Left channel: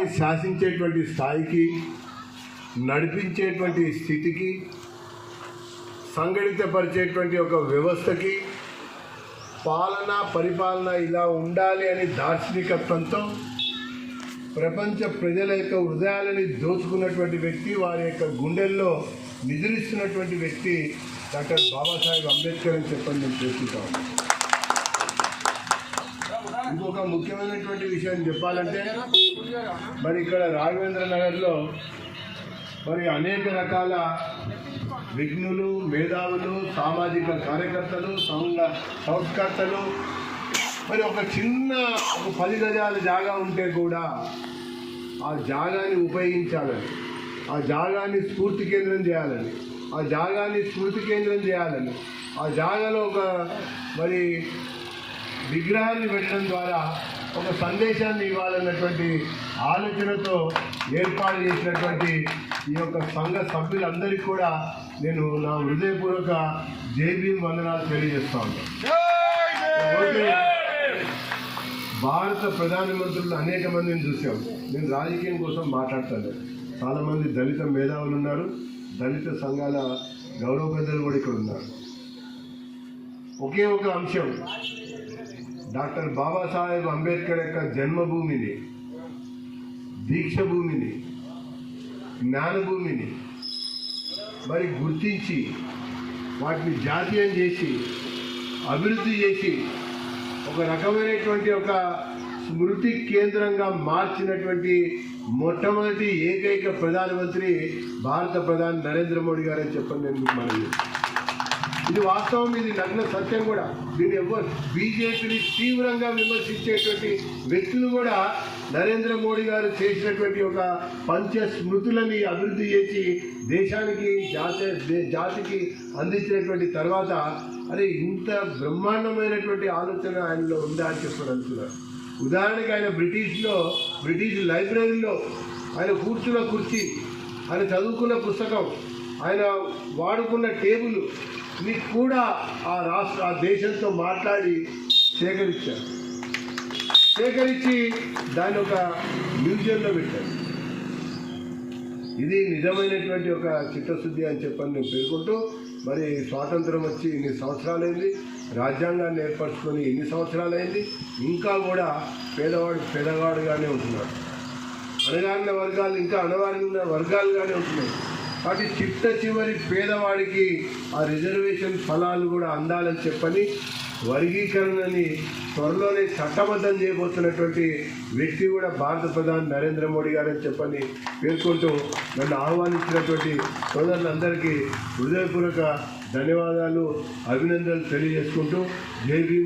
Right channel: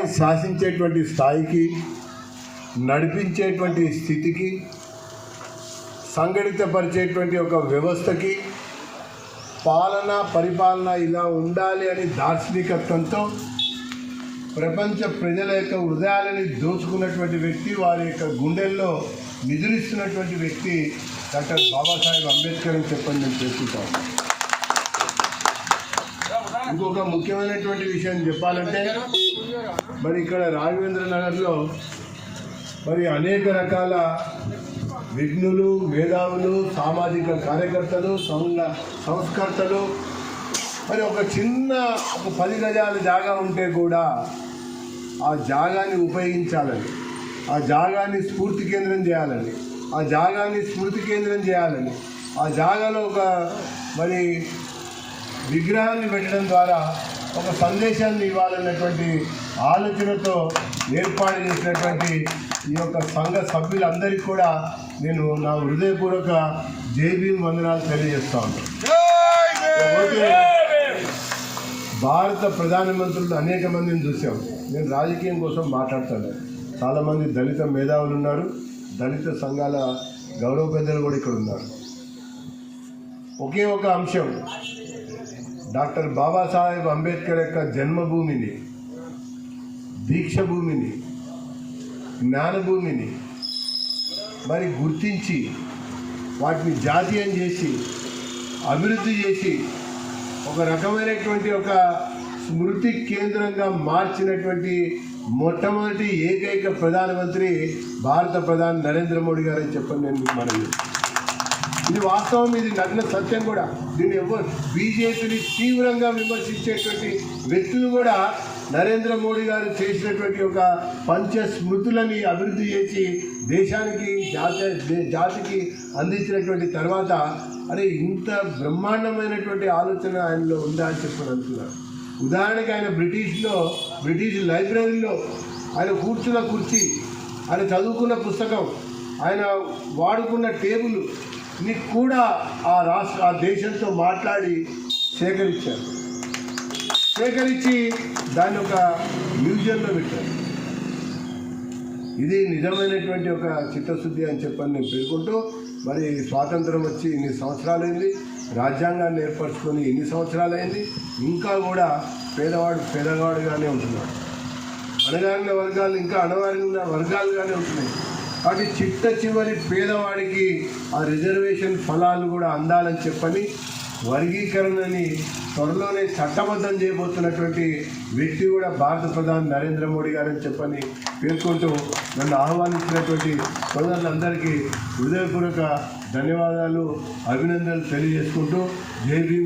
రాష్ట్రాన్ని శాసించేటువంటి స్థాయికి, నడిపించేటువంటి స్థితికి, సంఘటితపరిచేటువంటి ఒక వ్యవస్థకి, పరిపాలన ఇలా ఉండాలి అని దార్శనికత్వంతో ప్రపంచ ప్రజల యొక్క హృదయాలని దోచుకున్నటువంటి వ్యక్తి, వారి యొక్క గుండెల్లో నిద్రిస్తున్నటువంటి వ్యక్తి డాక్టర్ బాబాసాహెబ్ అంబేద్కర్ అని చెప్పని నేను చేసుకుంటాను. ఇంకొక ముఖ్యమైనటువంటి విషయం చెప్పాలంటే, మరి ఇక్కడ రాఘవేంద్ర నగర్లో మరి అనేక రకాల విఘ్నులు, మేధావులు, సామాజిక కార్యకర్తలు, సంస్కర్తలు మరి ఒక 10 గజాల జాగా ఉంటే కూడా ఆ జాగాన్ని ఉపయోగించాలని, ఆ జాగాన్ని స్ఫూర్తి కేంద్రం చేయాలని, ఆ జాగాలో ఒక మరి విగ్రహాన్ని పెట్టడం ద్వారా ఒక సందేశాన్ని ఇవ్వాలన్నటువంటి ఆలోచనతో ఏర్పాటు చేసినటువంటి ఈ యొక్క సంఘ సభ్యులందరికీ కూడా నేను నా హృదయపూర్వక జై భీమ్ వందనాలు తెలియజేస్తా ఉంటాను. భారత ప్రధానమంత్రులు అనేక మందిని చూసాం. నేను రాజకీయం కోసం మాట్లాడతాను. చాలామంది దళిత మేధావులు ఉన్నారు, దళిత సంఘాల గౌరవ పెద్దలు కూడా ఇక్కడ ఉన్నారు. ఒకే ఒక అంశం, డాక్టర్ బాబాసాహెబ్ అంబేద్కర్ యొక్క జన్మభూమిని, దీక్షభూమిని, జ్ఞానభూమిని మరి గుర్తించి వాటిని జాతీయం చేసి అభివృద్ధి చేసి ఒక రకమైనటువంటి ఒక స్మృతి కేంద్రంగా మార్చినటువంటి మొట్టమొదటి ఏకైక ప్రధానమంత్రి భారత ప్రధాని నరేంద్ర మోడీ గారు అని చెప్పని నేను మీకు మనవి చేస్తాను. ఇది వాస్తవం, ఇది నగ్న సత్యం కూడా. దీన్ని బీజేపీని తీవ్రంగా విమర్శించేటువంటి వ్యక్తులు కూడా నరేంద్ర మోడీ గారు చేసినటువంటి ఒక పంచ స్మృతులని అభివృద్ధి చేసి దేశానికి, జాతికి అందించినటువంటి తర్వాత అదే ఇంత బ్రహ్మాండమైనటువంటి ఆలోచన ఆయనలో ఉందా అని చెప్పని అనుకున్నారు. ఉదాహరణకి ఆయన బ్రిటిష్ లైబ్రరీలో ఆయన కూర్చున్న కుర్చీ, ఆయన చదువుకున్న పుస్తకం, ఆయన వాడుకున్న టేబుల్ ని కూడా ఆ దేశంతో మాట్లాడి సేకరించి దాన్ని ఒక మ్యూజియంలో పెట్టారు. ఇది నిజమైనటువంటి ఒక చిత్తశుద్ధి అని చెప్పని నేను పేర్కొంటూ, మరి స్వాతంత్రం వచ్చి ఇన్ని సంవత్సరాలైంది, రాజ్యాంగాన్ని ఏర్పరచుకొని ఇన్ని సంవత్సరాలైంది, ఇంకా కూడా పేదవాడుగానే ఉంటున్నాడు. అణగారిన వర్గాలు ఇంకా అణగారిన వర్గాలుగానే ఉంటున్నాయి. కాబట్టి చివరి పేదవాడికి ఆ రిజర్వేషన్ ఫలాలు కూడా అందాలని చెప్పని వర్గీకరణని త్వరలోనే చట్టబద్ధం చేయబోతున్నటువంటి వ్యక్తి కూడా భారత ప్రధాని నరేంద్ర మోడీ గారని చెప్పని పేర్కొంటూ నన్ను ఆహ్వానించినటువంటి సోదరులందరికీ హృదయపూర్వక ధన్యవాదాలు, అభినందనలు తెలియజేసుకుంటూ జై భీమ్.